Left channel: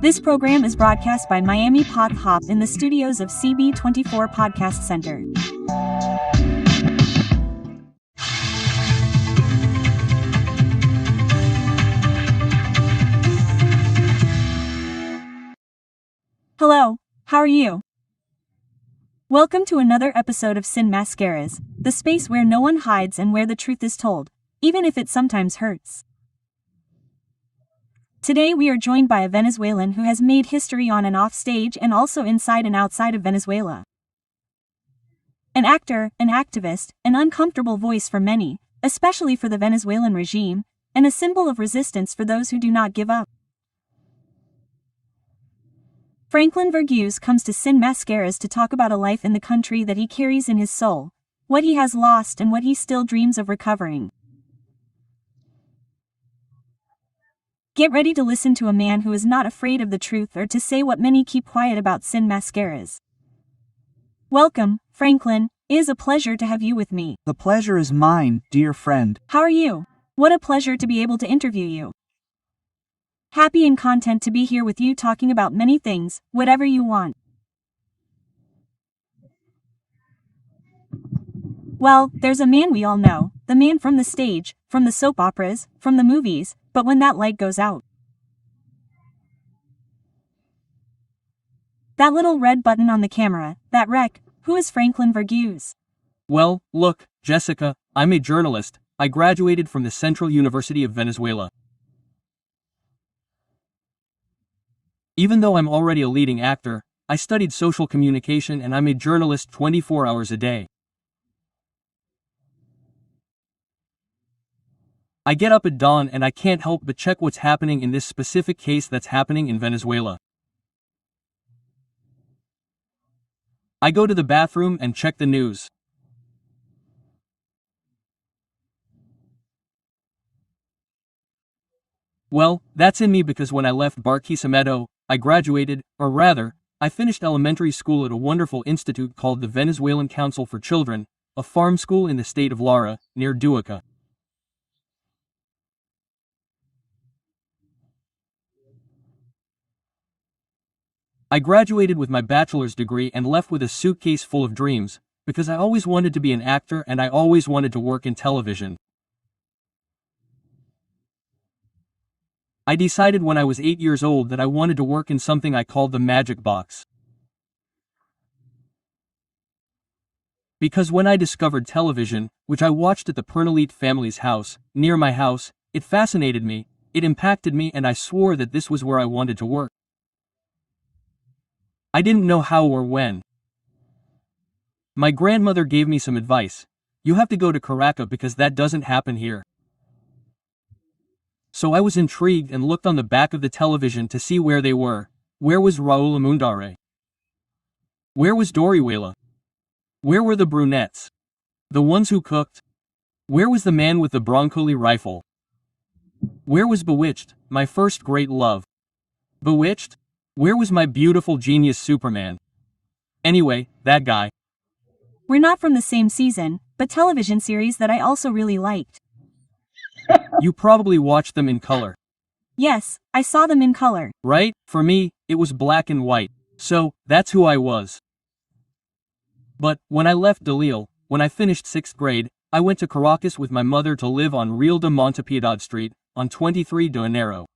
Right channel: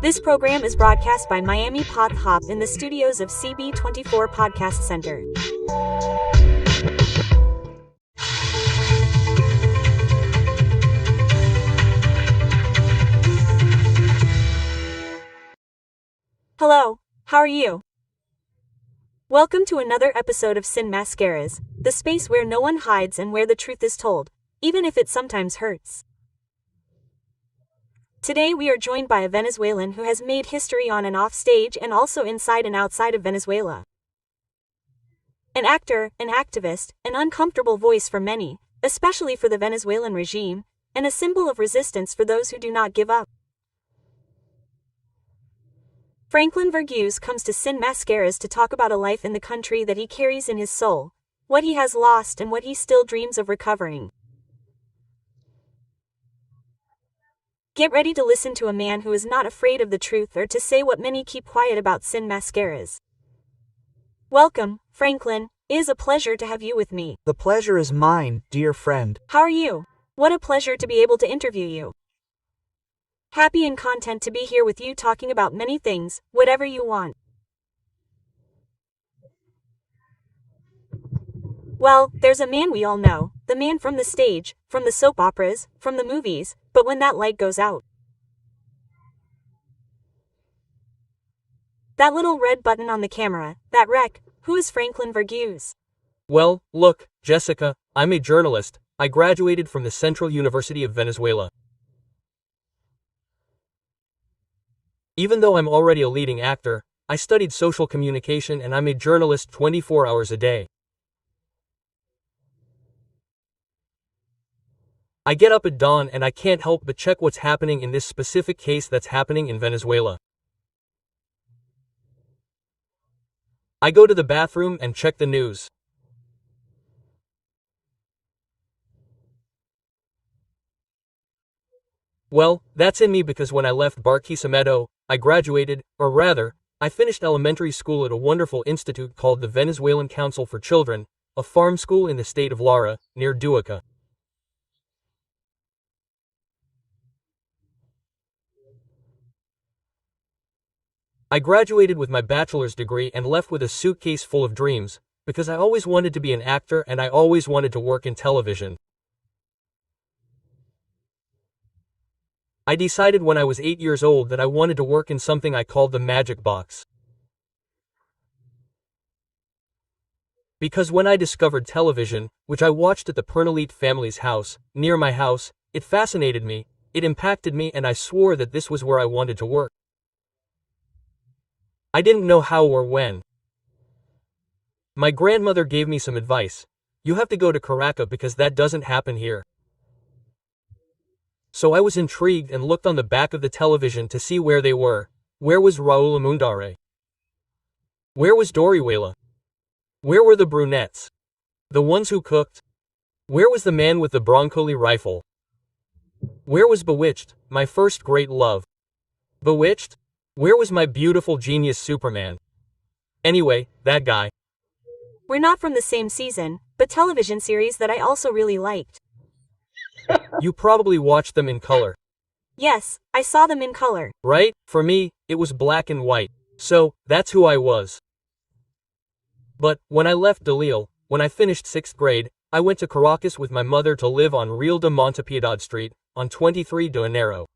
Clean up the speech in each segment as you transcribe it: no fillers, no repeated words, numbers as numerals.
This program is broadcast by Miami Pod Hop in the studios of CB24 Podcast Center. Hello, how are you? Welcome to another episode of Sin Mascaras, the space where no one hides and where the truth is told, even if it sometimes hurts. Today we are joined by a Venezuelan who has made history on and off stage and also inside and outside of Venezuela. An actor, an activist, an uncomfortable voice for many, especially for the Venezuelan regime, and a symbol of resistance for those who do not give up. Franklin Vergües comes to Sin Mascaras to talk about a life in the country that he carries in his soul, what he has lost and what he still dreams of recovering. Get ready to listen to a man who is not afraid of the truth or to say what many keep quiet about. Sin Mascaras. Welcome, Franklin. It is a pleasure to have you with me. The pleasure is mine, dear friend. How are you? What a pleasure to be able to interview you. Happy and content to be here with you talking about many things, whatever you want. Well, there's a man we all know, the man from the stage, from the soap operas, from the movies, but when that light goes out. That little red button on the camera, that wreck, who is Franklin Vergües? Well, look, Jessica, I'm a journalist. I graduated from the Central University of Venezuela. Even though I'm already a leading actor, I studied social communication and I'm a journalist 24 hours a day. I get up at dawn and I can't help but check what's happening in this specific case that's happening in Venezuela. I go to the bathroom and check the news. Well, that's in me because when I left Barquisimeto, I graduated, or rather, I finished elementary school at a wonderful institute called the Venezuelan Council for Children, a farm school in the state of Lara, near Duaca. I graduated with my bachelor's degree and left with a suitcase full of dreams, because I always wanted to be an actor and I always wanted to work in television. I decided when I was 8 years old that I wanted to work in something I called the magic box. Because when I discovered television, which I watched at the Pernalite family's house, near my house, it fascinated me, it impacted me and I swore that this was where I wanted to work. I didn't know how or when. My grandmother gave me some advice. You have to go to Caracas because that doesn't happen here. So I was intrigued and looked on the back of the television to see where they were. Where was Raul Almundare? Where was Dorihuela? Where were the brunettes? The ones who cooked? Where was the man with the Broncoli rifle? Where was Bewitched, my first great love? Bewitched? Where was my beautiful genius Superman? Anyway, that guy. We're not from the same season, but television series that I also really liked. You probably watched them in color. Yes, I saw them in color. Right? For me, it was black and white. So, that's who I was. But, when I left Delisle, when I finished 6th grade, I went to Caracas with my mother to live on Real de Montepiedad Street, on 23 de Enero.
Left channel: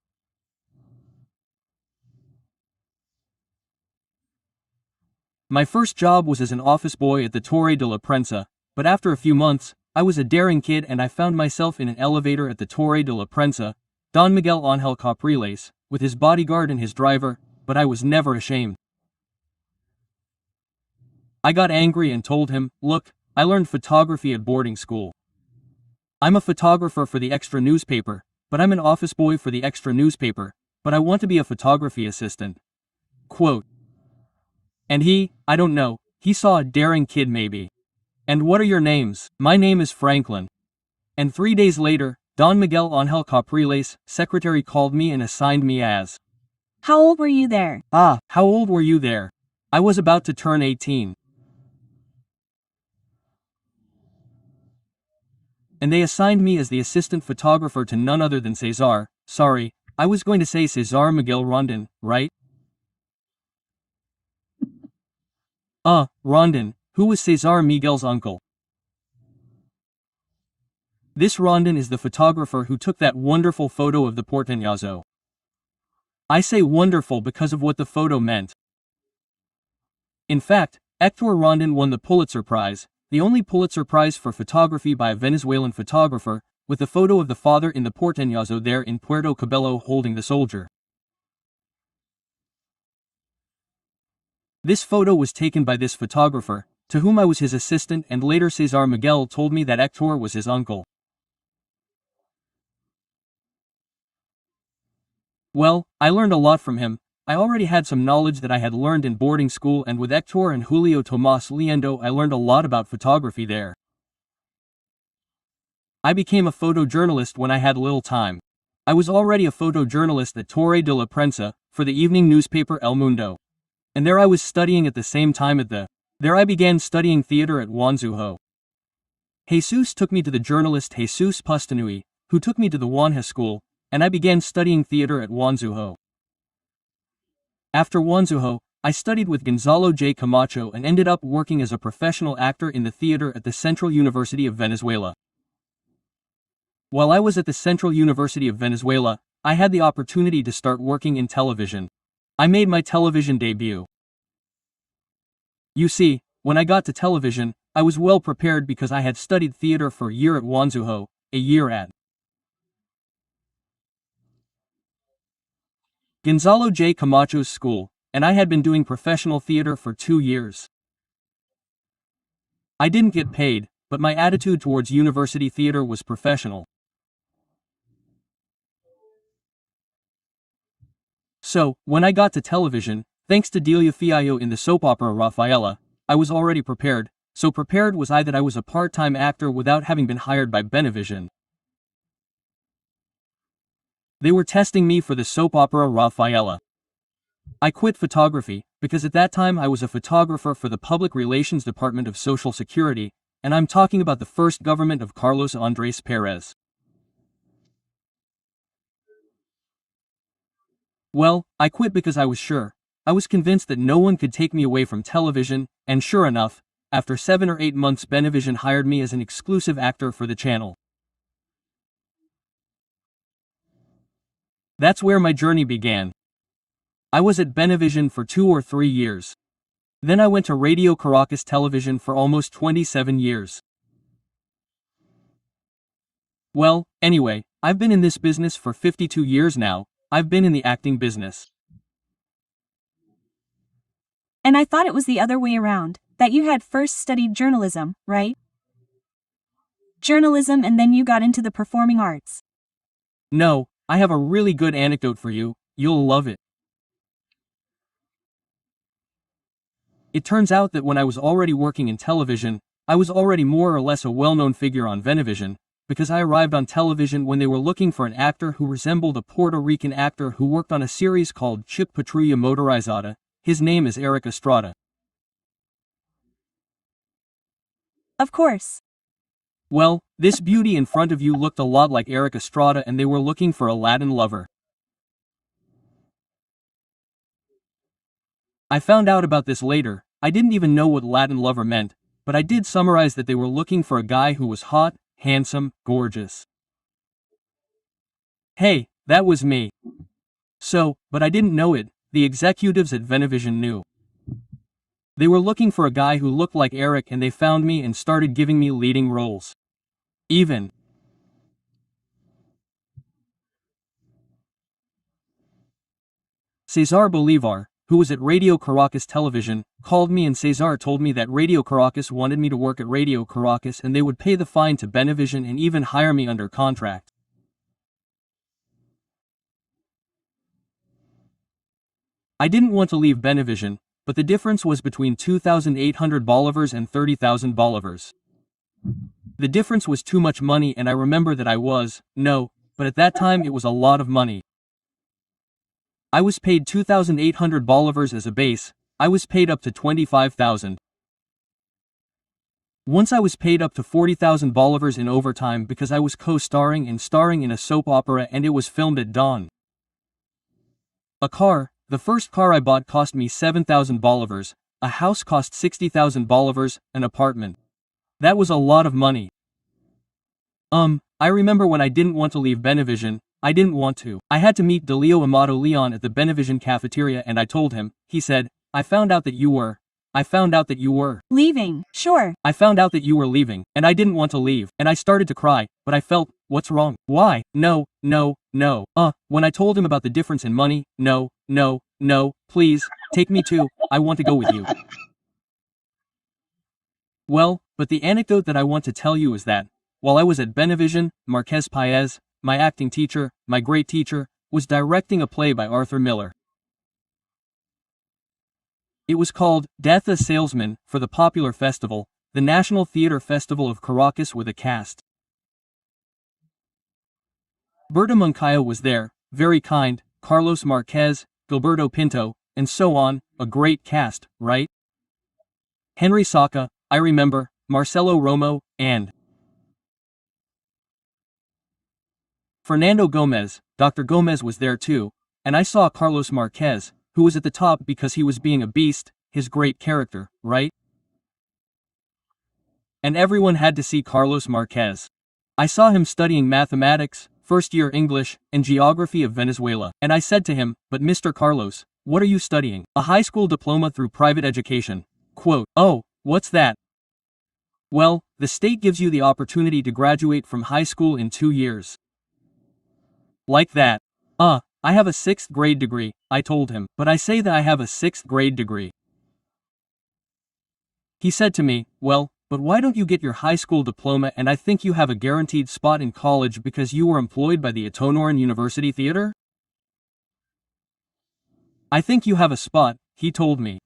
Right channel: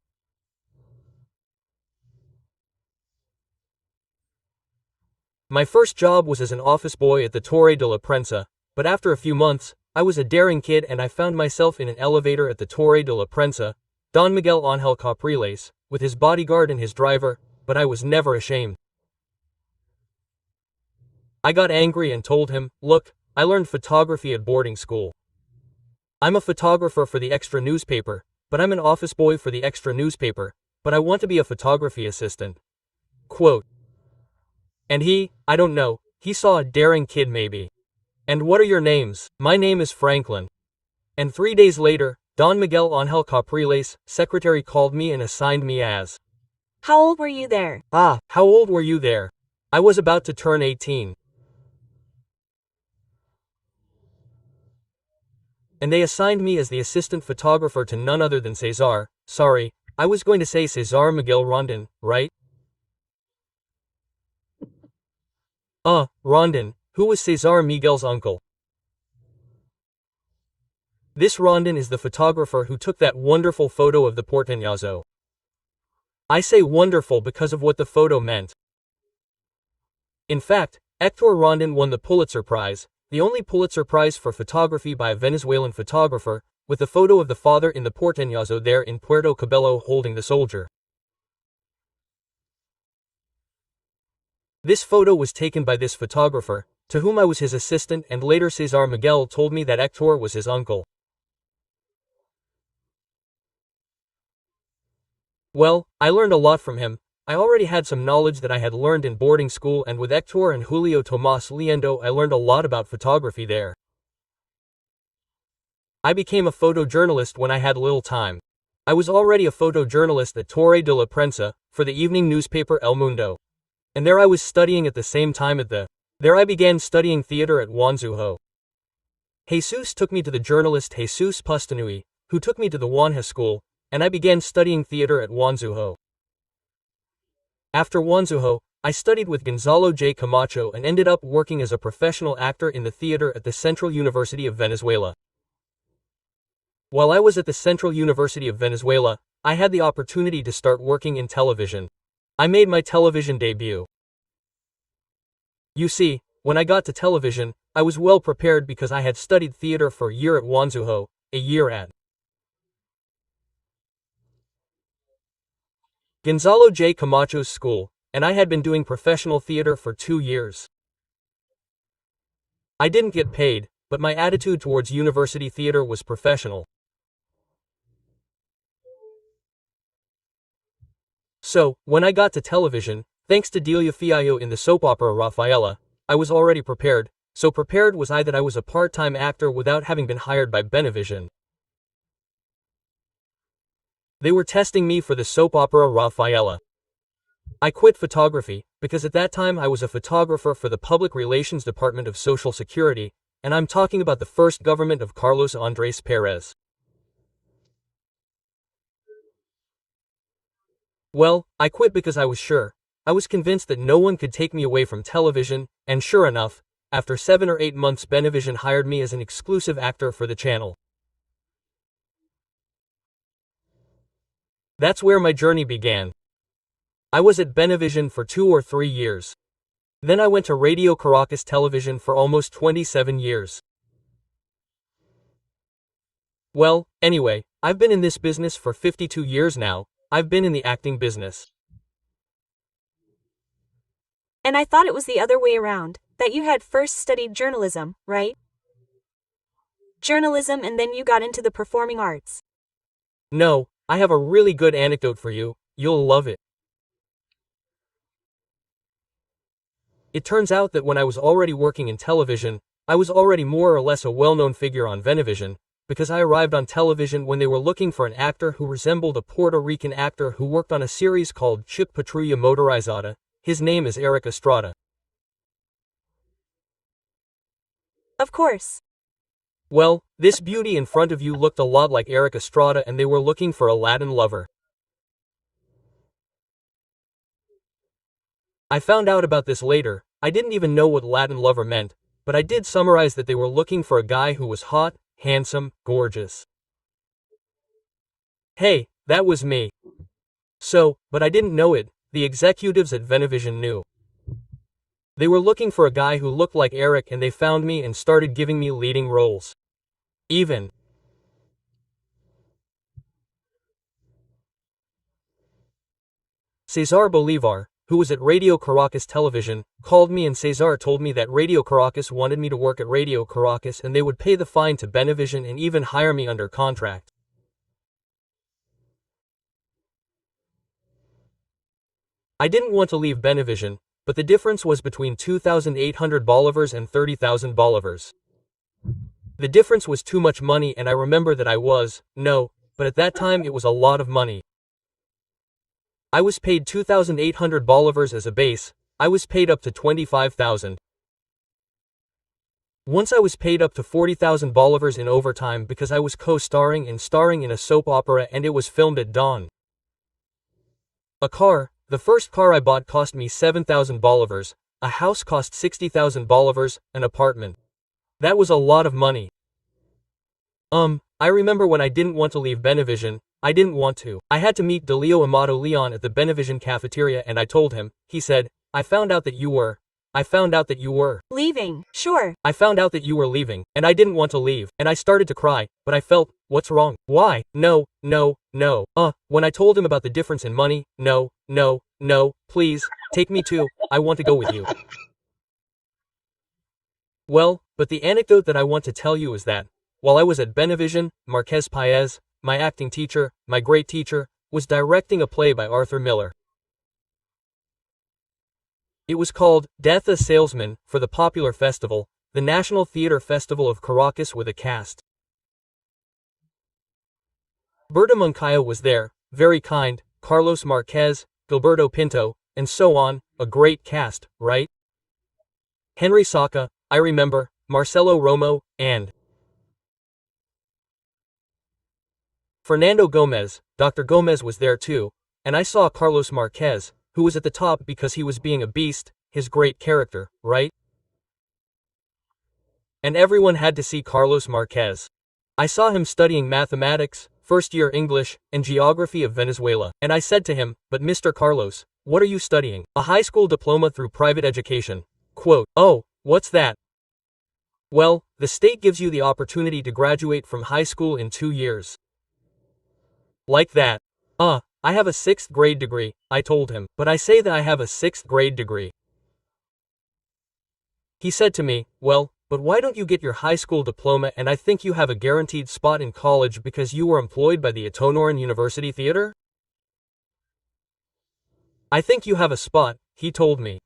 My first job was as an office boy at the Torre de la Prensa, but after a few months, I was a daring kid and I found myself in an elevator at the Torre de la Prensa, Don Miguel Ángel Capriles, with his bodyguard and his driver, but I was never ashamed. I got angry and told him, look, I learned photography at boarding school. I'm a photographer for the extra newspaper, but I'm an office boy for the extra newspaper, but I want to be a photography assistant. Quote. And I don't know, he saw a daring kid maybe. And what are your names? My name is Franklin. And 3 days later, Don Miguel Ángel Capriles, secretary called me and assigned me as. How old were you there? How old were you there? I was about to turn 18. And they assigned me as the assistant photographer to none other than Cesar, sorry, I was going to say Cesar Miguel Rondon, right? Rondon, who was Cesar Miguel's uncle. This Rondon is the photographer who took that wonderful photo of the Porteñazo. I say wonderful because of what the photo meant. In fact, Hector Rondon won the Pulitzer Prize, the only Pulitzer Prize for photography by a Venezuelan photographer, with the photo of the father in the Porteñazo there in Puerto Cabello holding the soldier. This photo was taken by this photographer, to whom I was his assistant, and later Cesar Miguel told me that Hector was his uncle. Well, I learned a lot from him. I already had some knowledge that I had learned in boarding school, and with Hector and Julio Tomas Liendo I learned a lot about photography there. I became a photojournalist when I had little time. I was already a photojournalist at Torre de la Prensa, for the evening newspaper El Mundo. And there I was studying at the same time There I began studying theater at Juanzujo. Jesus took me to the journalist Jesus Pustanui, who took me to the Juanja school, and I began studying theater at Juanzujo. After Juanzujo, I studied with Gonzalo J. Camacho and ended up working as a professional actor in the theater at the Central University of Venezuela. While I was at the Central University of Venezuela, I had the opportunity to start working in television. I made my television debut. You see, when I got to television, I was well prepared because I had studied theater for a year at Juanzujo, a year at Gonzalo J. Camacho's school, and I had been doing professional theater for 2 years. I didn't get paid, but my attitude towards university theater was professional. So, when I got to television, thanks to Delia Fiallo in the soap opera Rafaela, I was already prepared. So prepared was I that I was a part-time actor without having been hired by Benevision. They were testing me for the soap opera Rafaela. I quit photography, because at that time I was a photographer for the Public Relations Department of Social Security, and I'm talking about the first government of Carlos Andrés Pérez. Well, I quit because I was sure. I was convinced that no one could take me away from television, and sure enough, after 7 or 8 months Benevision hired me as an exclusive actor for the channel. That's where my journey began. I was at Benevision for 2 or 3 years. Then I went to Radio Caracas Television for almost 27 years. Well, anyway, I've been in this business for 52 years now. I've been in the acting business. And I thought it was the other way around, that you had first studied journalism, right? Journalism and then you got into the performing arts. No, I have a really good anecdote for you, you'll love it. It turns out that when I was already working in television, I was already more or less a well-known figure on Venevision, because I arrived on television when they were looking for an actor who resembled a Puerto Rican actor who worked on a series called Chip Patrulla Motorizada. His name is Eric Estrada. Of course. Well, this beauty in front of you looked a lot like Eric Estrada, and they were looking for a Latin lover. I found out about this later. I didn't even know what Latin lover meant, but I did summarize that they were looking for a guy who was hot, handsome, gorgeous. Hey, that was me. So, but I didn't know it, the executives at Venevision knew. They were looking for a guy who looked like Eric, and they found me and started giving me leading roles. Even Cesar Bolivar, who was at Radio Caracas Television, called me, and Cesar told me that Radio Caracas wanted me to work at Radio Caracas and they would pay the fine to Benevision and even hire me under contract. I didn't want to leave Benevision, but the difference was between 2,800 bolivars and 30,000 bolivars. The difference was too much money, and I remember that but at that time it was a lot of money. I was paid 2,800 bolivars as a base. I was paid up to 25,000. Once I was paid up to 40,000 bolivars in overtime because I was co-starring and starring in a soap opera, and it was filmed at dawn. A car, the first car I bought cost me 7,000 bolivars, a house cost 60,000 bolivars, an apartment. That was a lot of money. I remember when I didn't want to leave Benevision, I didn't want to. I had to meet Delio Amato Leon at the Benevision cafeteria and I told him, he said, I found out that you were Leaving, sure. I found out that you were leaving, and I didn't want to leave, and I started to cry, but I felt, what's wrong? Why? No. When I told him about the difference in money, no, please, take me too, I want to go with you. Well, but the anecdote that I want to tell you is that, while I was at Benevision, Marquez Paez, my acting teacher, my great teacher, was directing a play by Arthur Miller. It was called Death a Salesman for the popular festival, the National Theater Festival of Caracas with a cast. Berta Moncayo was there, very kind, Carlos Marquez, Gilberto Pinto, and so on, a great cast, right? Henry Saca, I remember, Marcelo Romo, and Fernando Gomez. Dr. Gomez was there too, and I saw Carlos Marquez, who was at the top because he was being a beast, his great character, right? And everyone had to see Carlos Marquez. I saw him studying mathematics, first-year English, and geography of Venezuela, and I said to him, but Mr. Carlos, what are you studying? A high school diploma through private education. Quote, oh, what's that? Well, the state gives you the opportunity to graduate from high school in 2 years. Like that. I have a 6th grade degree, I told him, but I say that I have a 6th grade degree. He said to me, well, but why don't you get your high school diploma and I think you have a guaranteed spot in college because you were employed by the Itonoran University Theater? I think you have a spot, he told me.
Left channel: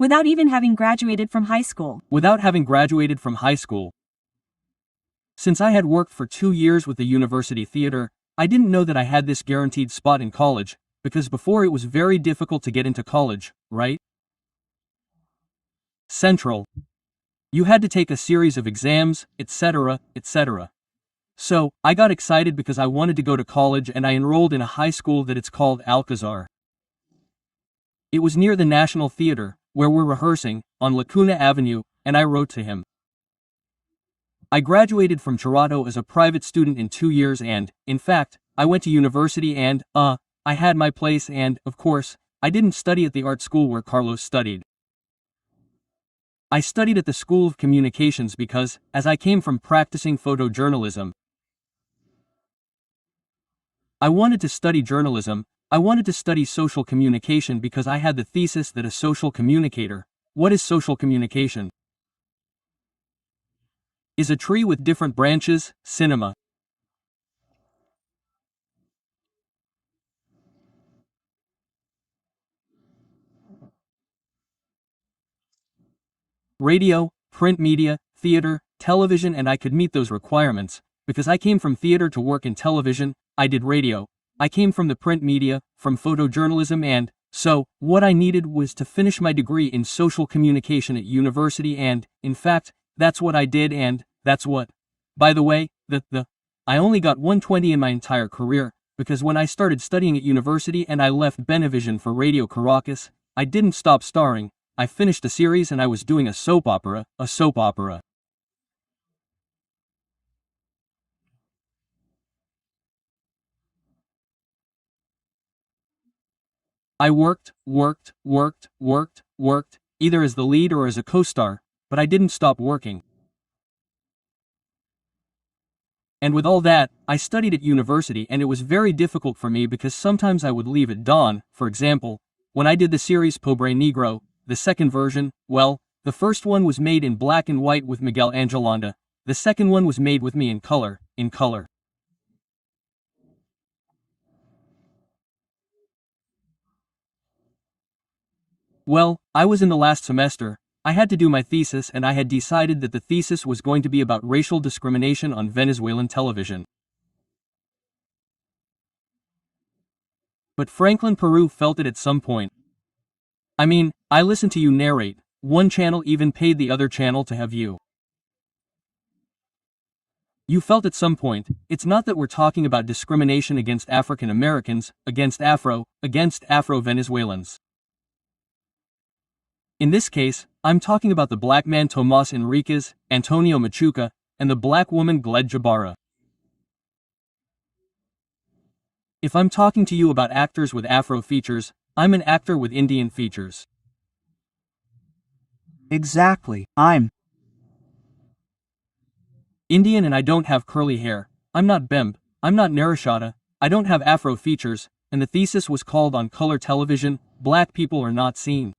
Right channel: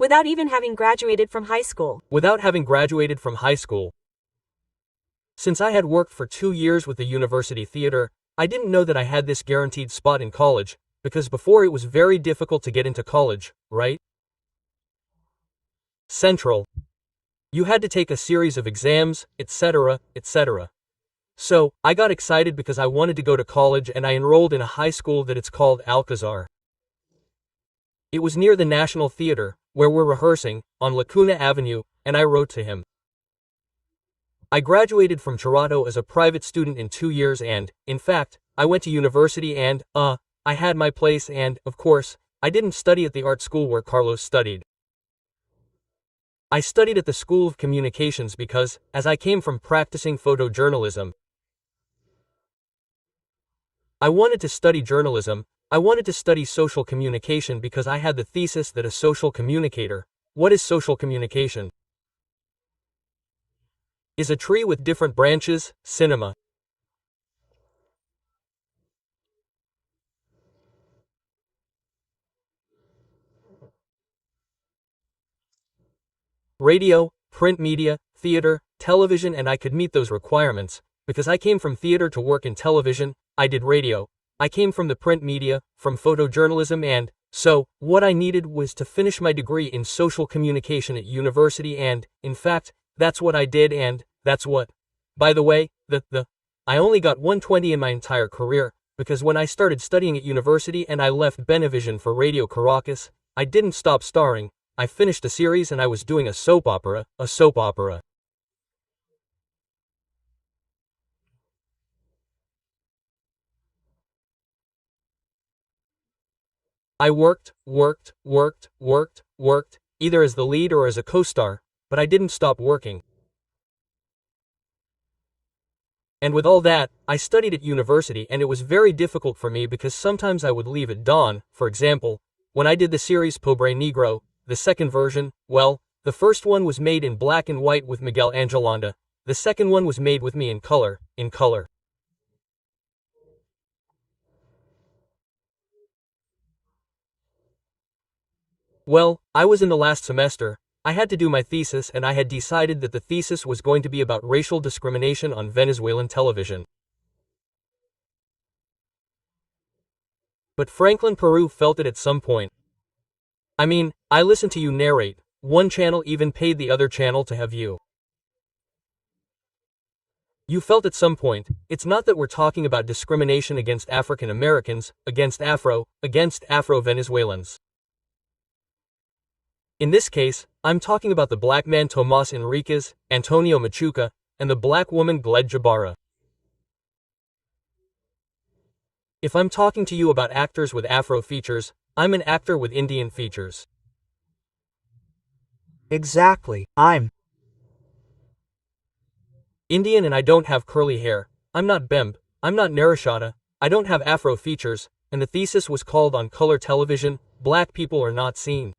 Without even having graduated from high school. Without having graduated from high school. Since I had worked for 2 years with the University Theater, I didn't know that I had this guaranteed spot in college, because before it was very difficult to get into college, right? Central. You had to take a series of exams, etc. So, I got excited because I wanted to go to college and I enrolled in a high school that it's called Alcazar. It was near the National Theater, where we're rehearsing, on Lacuna Avenue, and I wrote to him. I graduated from Charato as a private student in 2 years and, in fact, I went to university and, I had my place and, of course, I didn't study at the art school where Carlos studied. I studied at the School of Communications because, as I came from practicing photojournalism, I wanted to study journalism. I wanted to study social communication because I had the thesis that a social communicator, what is social communication? Is a tree with different branches, cinema. Radio, print media, theater, television, and I could meet those requirements, because I came from theater to work in television, I did radio, I came from the print media, from photojournalism and, so, what I needed was to finish my degree in social communication at university and, in fact, that's what I did and, that's what. By the way, I only got 120 in my entire career, because when I started studying at university and I left Benevision for Radio Caracas, I didn't stop starring, I finished a series and I was doing a soap opera. I worked, either as the lead or as a co-star, but I didn't stop working. And with all that, I studied at university and it was very difficult for me because sometimes I would leave at dawn. For example, when I did the series Pobre Negro, the second version, well, the first one was made in black and white with Miguel Angelanda, the second one was made with me in color. Well, I was in the last semester, I had to do my thesis and I had decided that the thesis was going to be about racial discrimination on Venezuelan television. But Franklin Peru felt it at some point. I mean, I listened to you narrate, one channel even paid the other channel to have you. You felt at some point, it's not that we're talking about discrimination against African Americans, against Afro-Venezuelans. In this case, I'm talking about the black man Tomas Enriquez, Antonio Machuca, and the black woman Gled Jabara. If I'm talking to you about actors with Afro features, I'm an actor with Indian features. Exactly, I'm Indian and I don't have curly hair, I'm not Bemb, I'm not Narashada, I don't have Afro features, and the thesis was called on color television, Black People Are Not Seen.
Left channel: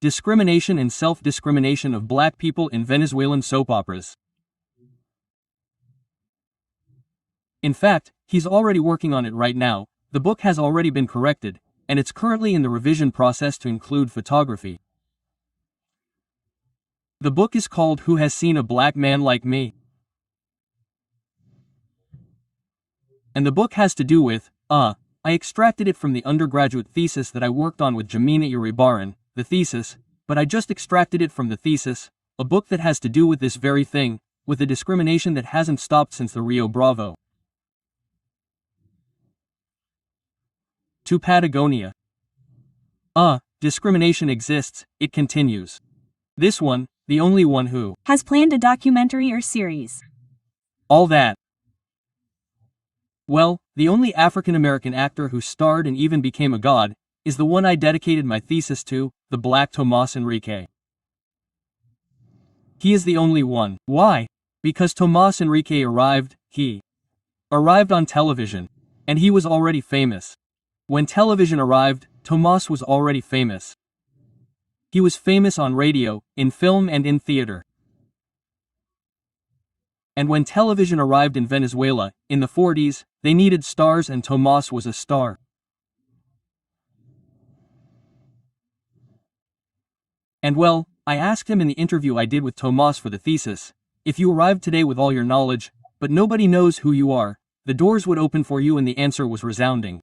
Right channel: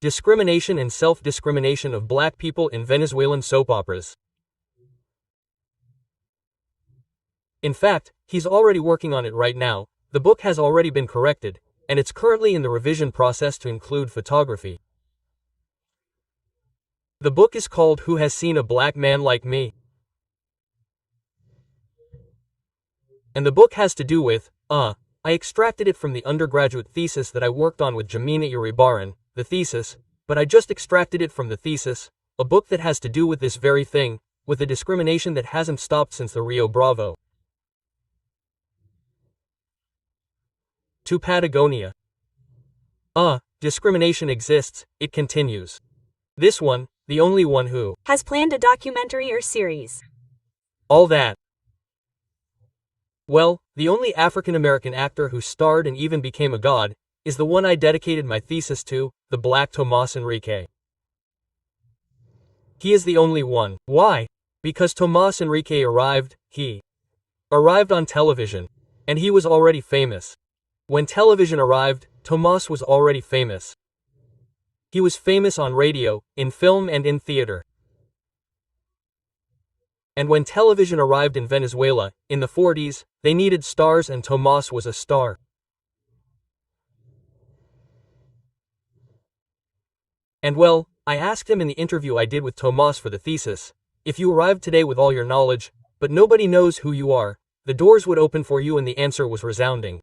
Discrimination and self-discrimination of black people in Venezuelan soap operas. In fact, he's already working on it right now, the book has already been corrected, and it's currently in the revision process to include photography. The book is called Who Has Seen a Black Man Like Me? And the book has to do with, I extracted it from the undergraduate thesis that I worked on with Jamina Iribarren, the thesis, but I just extracted it from the thesis, a book that has to do with this very thing, with the discrimination that hasn't stopped since the Rio Bravo. To Patagonia. Discrimination exists, it continues. This one, the only one who has planned a documentary or series. All that. Well, the only African American actor who starred and even became a god, is the one I dedicated my thesis to, the black Tomas Enrique. He is the only one. Why? Because Tomas Enrique arrived on television. And he was already famous. When television arrived, Tomas was already famous. He was famous on radio, in film and in theater. And when television arrived in Venezuela, in the 40s, they needed stars and Tomas was a star. And well, I asked him in the interview I did with Tomas for the thesis, if you arrived today with all your knowledge, but nobody knows who you are, the doors would open for you, and the answer was resounding.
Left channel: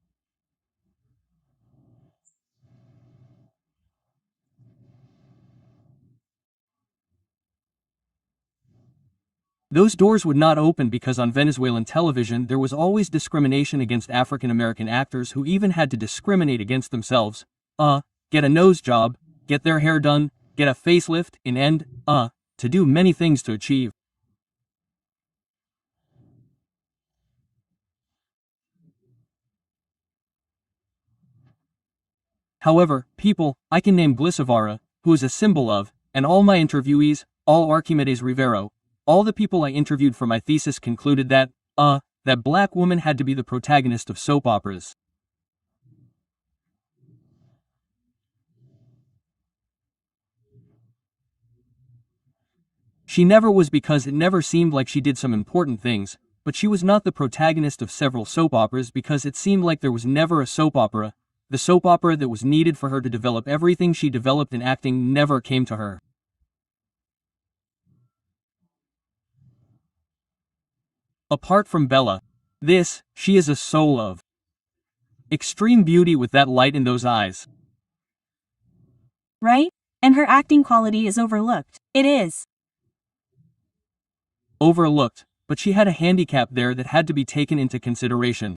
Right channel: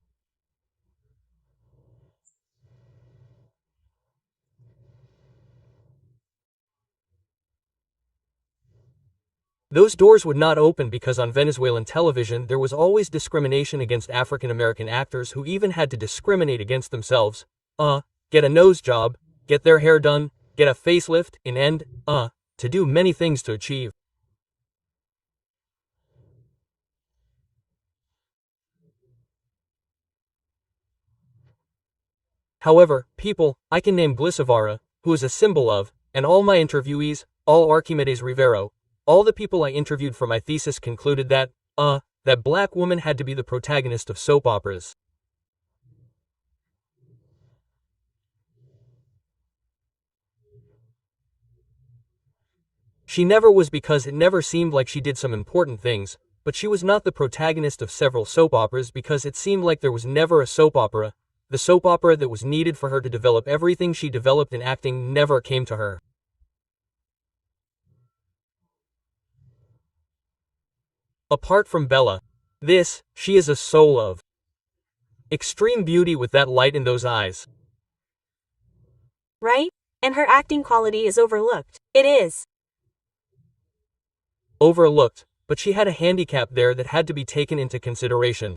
Those doors would not open because on Venezuelan television there was always discrimination against African American actors who even had to discriminate against themselves, get a nose job, get their hair done, get a facelift, to do many things to achieve. However, people, I can name Glisavara, who is a symbol of, and all my interviewees, all Archimedes Rivero, all the people I interviewed for my thesis concluded that, that black woman had to be the protagonist of soap operas. She never was because it never seemed like she did some important things, but she was not the protagonist of several soap operas because it seemed like there was never a soap opera. The soap opera that was needed for her to develop everything she developed in acting never came to her. Apart from Bella. She is a soul of extreme beauty with that light in those eyes. Right? And her acting quality is overlooked. It is. Overlooked, but she had a handicap there that had to be taken into consideration.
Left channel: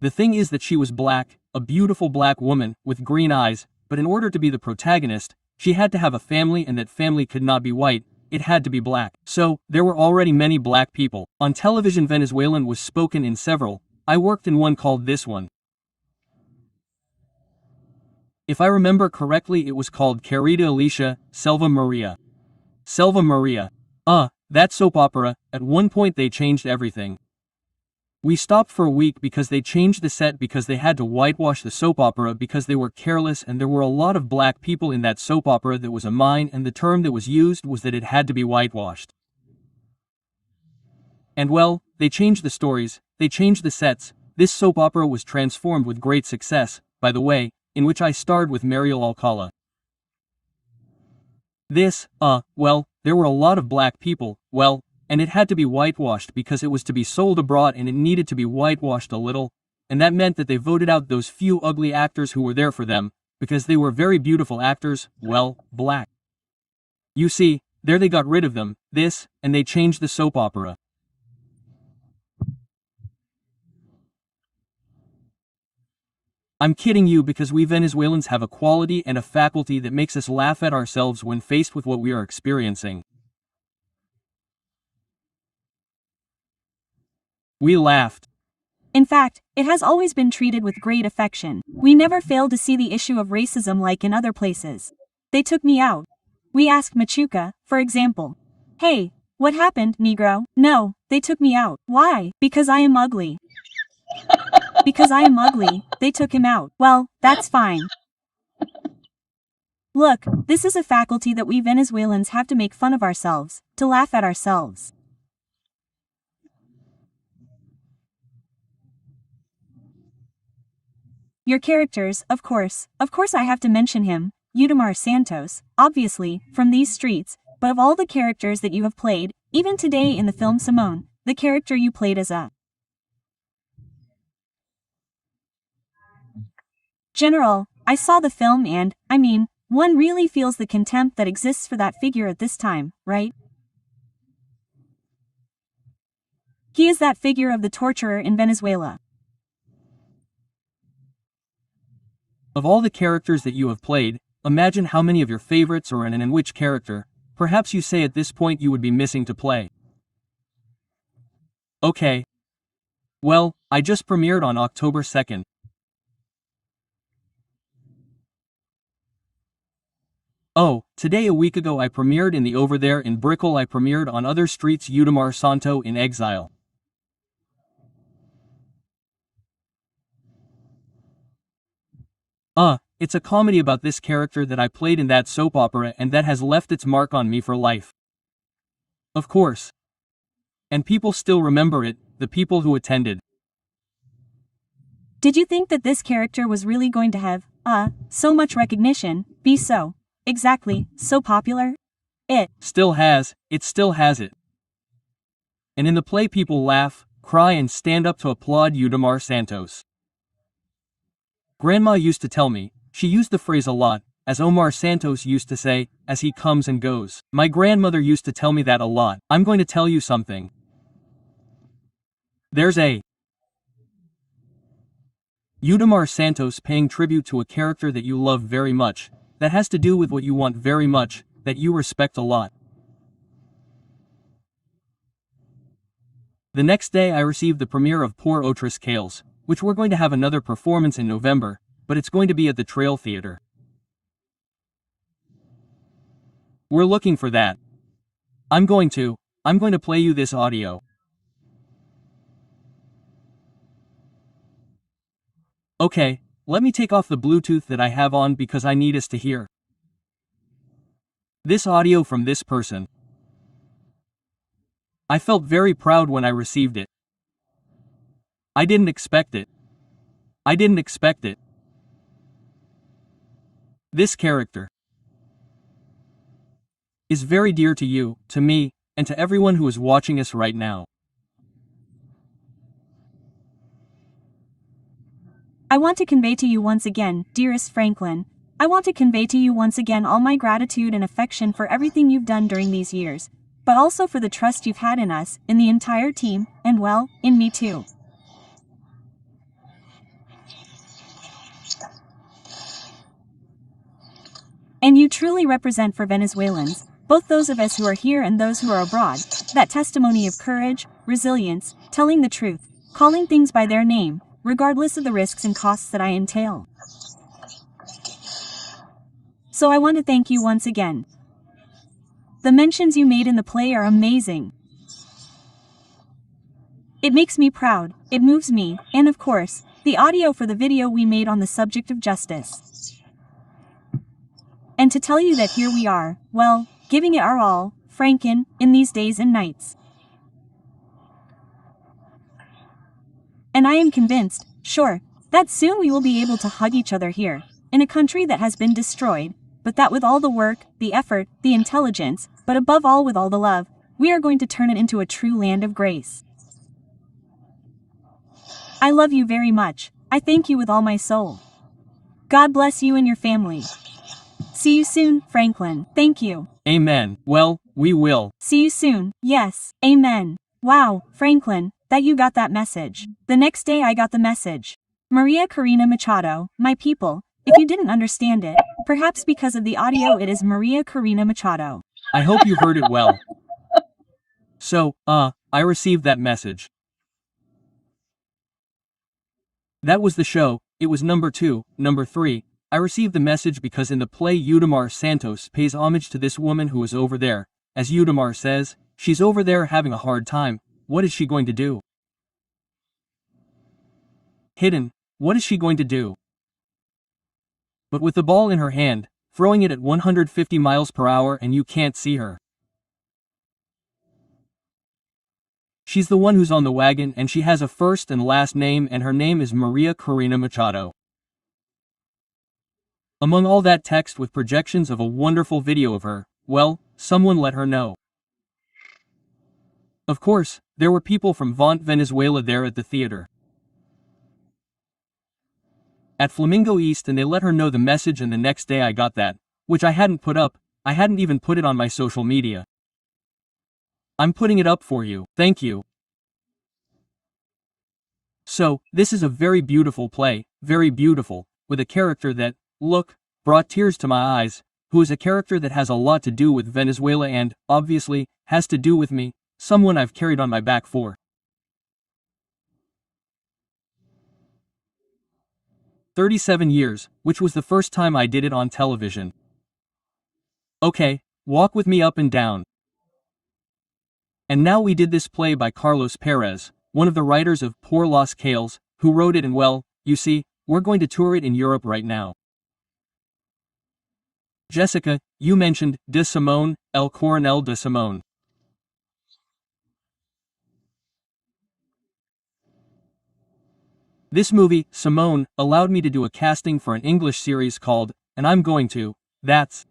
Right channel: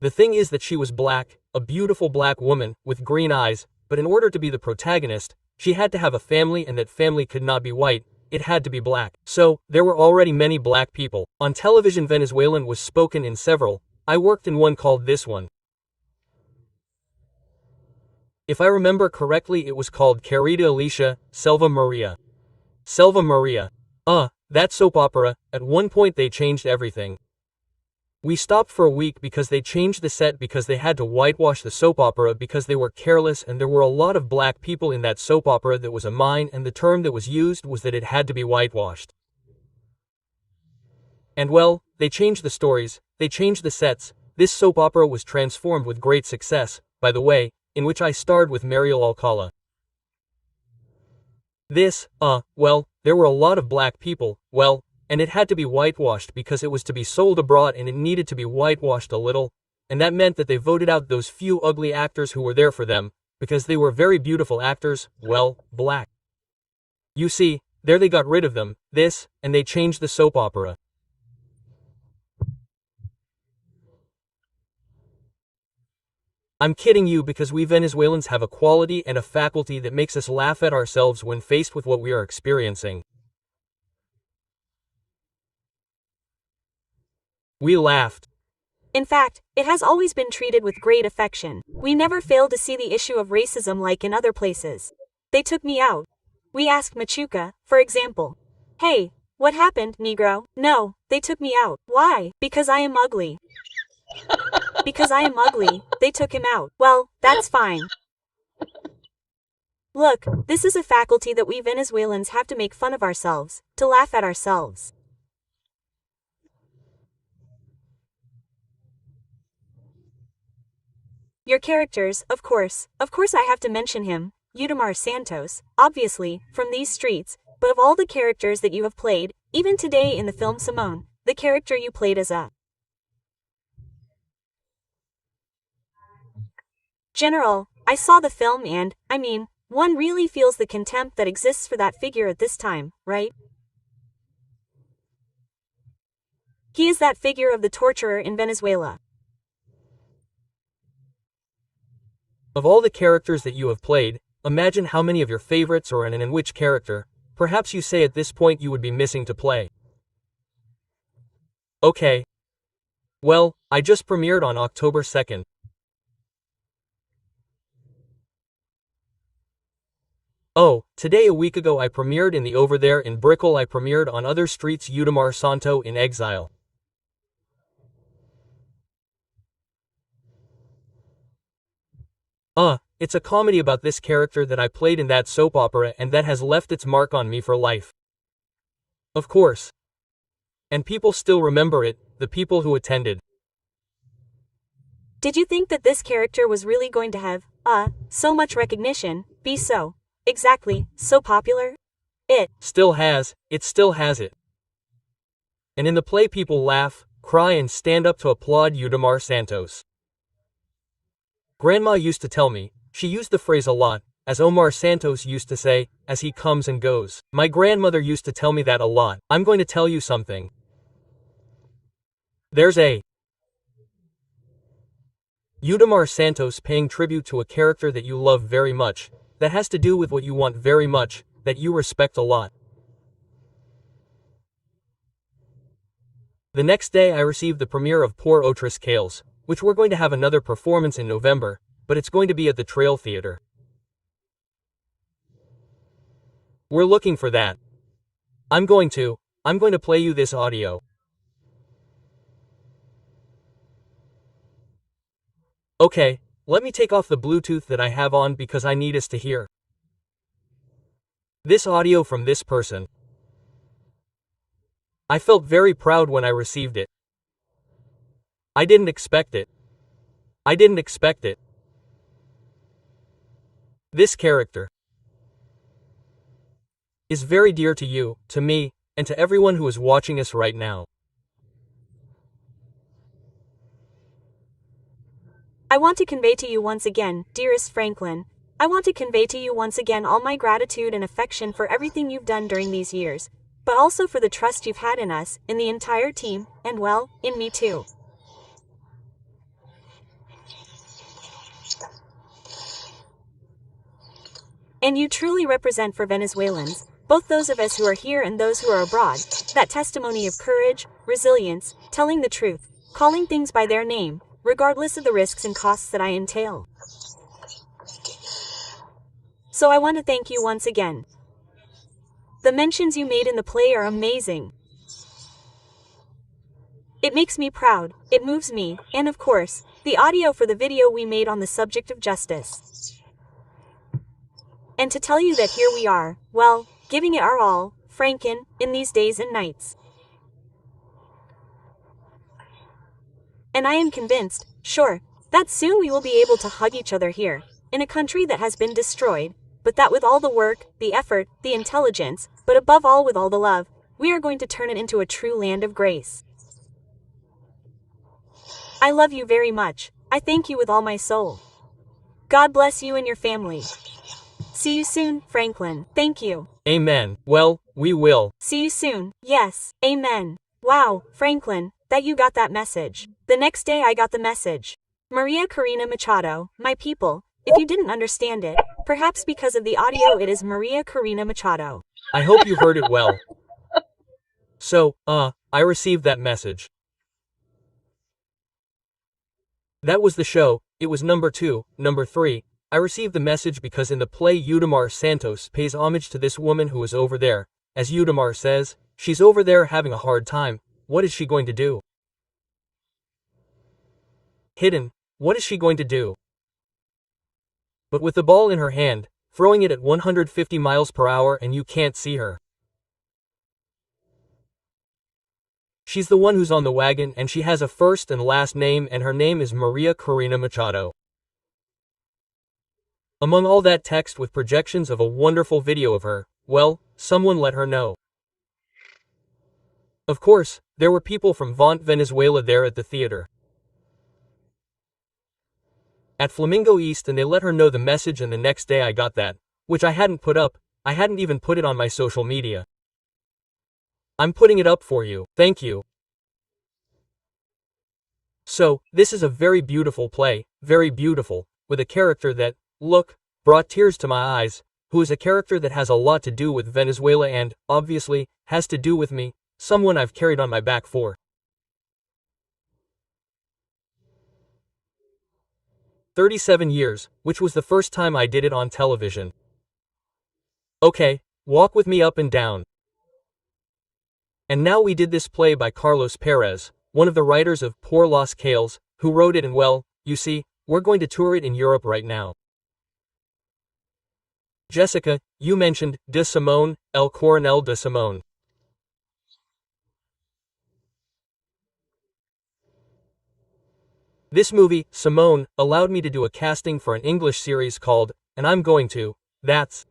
The thing is that she was black, a beautiful black woman, with green eyes, but in order to be the protagonist, she had to have a family, and that family could not be white, it had to be black. So, there were already many black people. On television Venezuelan was spoken in several, I worked in one called This One. If I remember correctly it was called Querida Alicia, Selva Maria. Selva Maria. That soap opera, at one point they changed everything. We stopped for a week because they changed the set because they had to whitewash the soap opera because they were careless, and there were a lot of black people in that soap opera that was a mine, and the term that was used was that it had to be whitewashed. And well, they changed the stories, they changed the sets. This soap opera was transformed with great success, by the way, in which I starred with Mariel Alcala. There were a lot of black people, and it had to be whitewashed because it was to be sold abroad and it needed to be whitewashed a little, and that meant that they voted out those few ugly actors who were there for them, because they were very beautiful actors, black. You see, there they got rid of them, and they changed the soap opera. I'm kidding you because we Venezuelans have a quality and a faculty that makes us laugh at ourselves when faced with what we are experiencing. We laughed. In fact, it has always been treated with great affection. We never failed to see the issue of racism like in other places. They took me out. We asked Machuca, for example. Hey, what happened, Negro? No, they took me out. Why? Because I am ugly. Because I am ugly, they took him out. Well, that's fine. Look, this is a faculty that we Venezuelans have to make fun of ourselves, to laugh at ourselves. Your characters, of course I have to mention him, Udemar Santos, obviously, from these streets, but of all the characters that you have played, even today in the film Simone, the character you played as a general, I saw the film and, one really feels the contempt that exists for that figure at this time, right? He is that figure of the torturer in Venezuela. Of all the characters that you have played, imagine how many of your favorites or in which character, perhaps you say at this point you would be missing to play. Okay. Well, I just premiered on October 2nd. Oh, today a week ago I premiered in the Over There in Brickell. I premiered on Other Streets Udemar Santo in Exile. It's a comedy about this character that I played in that soap opera and that has left its mark on me for life. Of course. And people still remember it, the people who attended. Did you think that this character was really going to have, so much recognition, be so popular? It still has it. And in the play people laugh, cry and stand up to applaud Udemar Santos. Grandma used to tell me, she used the phrase a lot, as Omar Santos used to say, as he comes and goes. My grandmother used to tell me that a lot. I'm going to tell you something. There's a Udemar Santos paying tribute to a character that you love very much, that has to do with what you want very much, that you respect a lot. The next day I received the premiere of Poor Otras Cales, which we're going to have another performance in November, but it's going to be at the Trail Theater. We're looking for that. I'm going to play you this audio. Okay, let me take off the Bluetooth that I have on because I need us to hear this audio from this person. I felt very proud when I received it. I didn't expect it. This character is very dear to you, to me, and to everyone who is watching us right now. I want to convey to you once again, dearest Franklin, I want to convey to you once again all my gratitude and affection for everything you've done during these years, but also for the trust you've had in us, in the entire team, and well, in me too. And you truly represent for Venezuelans, both those of us who are here and those who are abroad, that testimony of courage, resilience, telling the truth, calling things by their name, regardless of the risks and costs that I entail. So I want to thank you once again. The mentions you made in the play are amazing. It makes me proud, it moves me, and of course, the audio for the video we made on the subject of justice. And to tell you that here we are, well, giving it our all, Franken, in these days and nights. And I am convinced, sure, that soon we will be able to hug each other here, in a country that has been destroyed, but that with all the work, the effort, the intelligence, but above all with all the love, we are going to turn it into a true land of grace. I love you very much, I thank you with all my soul. God bless you and your family. See you soon, Franklin. Thank you. Amen. Well, we will. See you soon. Yes. Amen. Wow, Franklin, that you got that message. The next day I got the message. Maria Corina Machado, my people, if you didn't understand it, perhaps because of the audio it is Maria Corina Machado. I hope you heard it well. So, I received that message. That was the show. It was number 2. Number 3. I received the message because in the play Udamar Santos pays homage to this woman who is over there. As Udamar says, she's over there having a hard time. What is she going to do? Hidden. What is she going to do? But with the ball in her hand, throwing it at 150 miles per hour and you can't see her. She's the one who's on the wagon and she has a first and last name and her name is Maria Corina Machado. Among all that text with projections of a wonderful video of her, well, someone let her know. Of course, there were people from Vont Venezuela there at the theater. At Flamingo East and they let her know the message and the next day I got that, which I hadn't put up, I hadn't even put it on my social media. I'm putting it up for you, thank you. So, this is a very beautiful play, very beautiful, with a character that, look, brought tears to my eyes, who is a character that has a lot to do with Venezuela and, obviously, has to do with me, someone I've carried on my back for 37 years, which was the first time I did it on television. Okay, walk with me up and down. And now we did this play by Carlos Perez, one of the writers of Por Los Cales, who wrote it and well, you see, we're going to tour it in Europe right now. Jessica, you mentioned de Simone, El Coronel de Simone. This movie, Simone, allowed me to do a casting for an English series called, and I'm going to, that's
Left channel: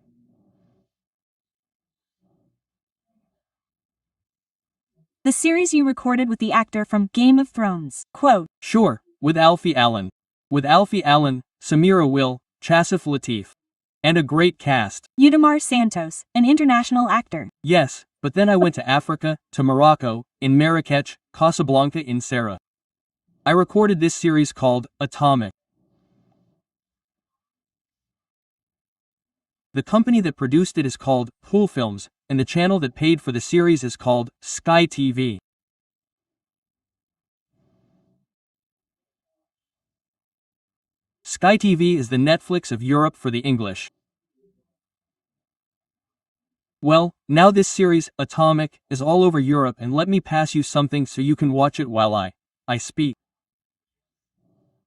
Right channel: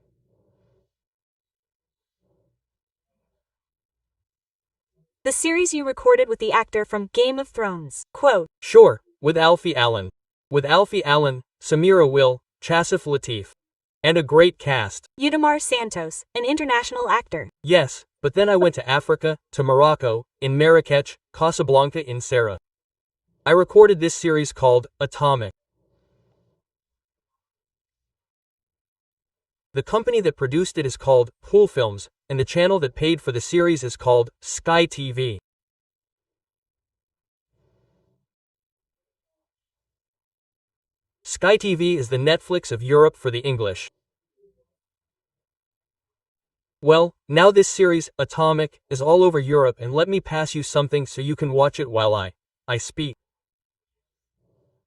the series you recorded with the actor from Game of Thrones. Quote. Sure, with Alfie Allen. With Alfie Allen, Samira Will, Chasif Latif. And a great cast. Udamar Santos, an international actor. Yes, but then I went to Africa, to Morocco, in Marrakech, Casablanca in Sarah. I recorded this series called Atomic. The company that produced it is called Pool Films, and the channel that paid for the series is called Sky TV. Sky TV is the Netflix of Europe for the English. Well, now this series, Atomic, is all over Europe and let me pass you something so you can watch it while I speak.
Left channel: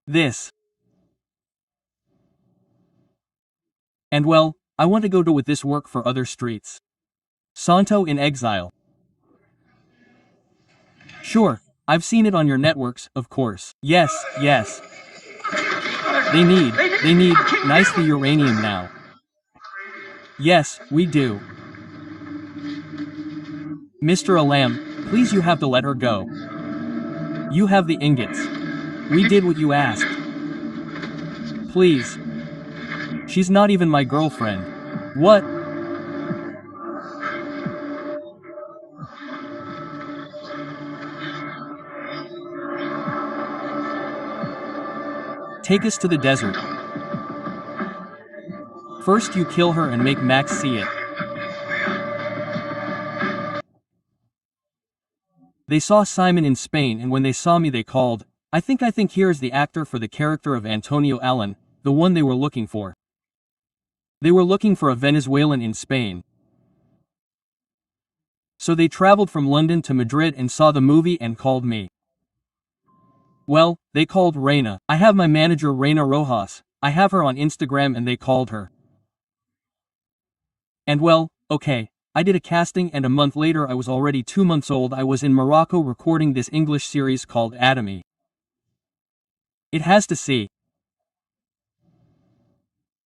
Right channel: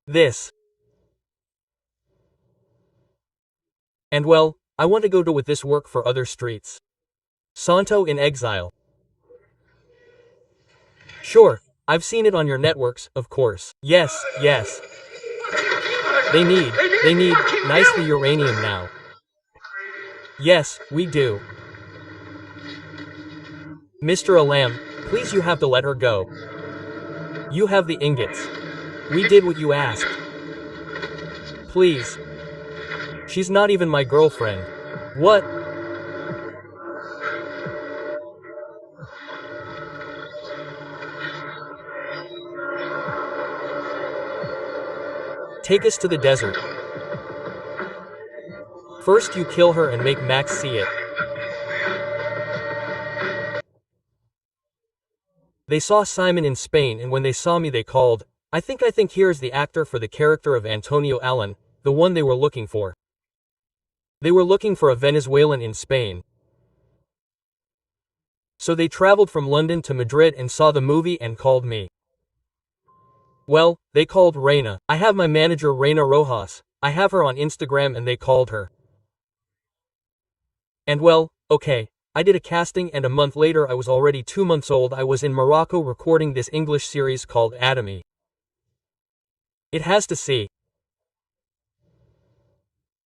This. And well, I want to go with this work for other streets. Santo in Exile. Sure, I've seen it on your networks, of course. Yes, yes. They need nicely uranium now. Yes, we do. Mr. Alam, please you have to let her go. You have the ingots. We did what you asked. Please. She's not even my girlfriend. What? Take us to the desert. First you kill her and make Max see it. They saw Simon in Spain and when they saw me they called, I think here's the actor for the character of Antonio Allen, the one they were looking for. They were looking for a Venezuelan in Spain. So they traveled from London to Madrid and saw the movie and called me. Well, they called Reina. I have my manager Reina Rojas, I have her on Instagram and they called her. And well, okay, I did a casting and a month later I was already 2 months old. I was in Morocco recording this English series called Atomy. It has to see.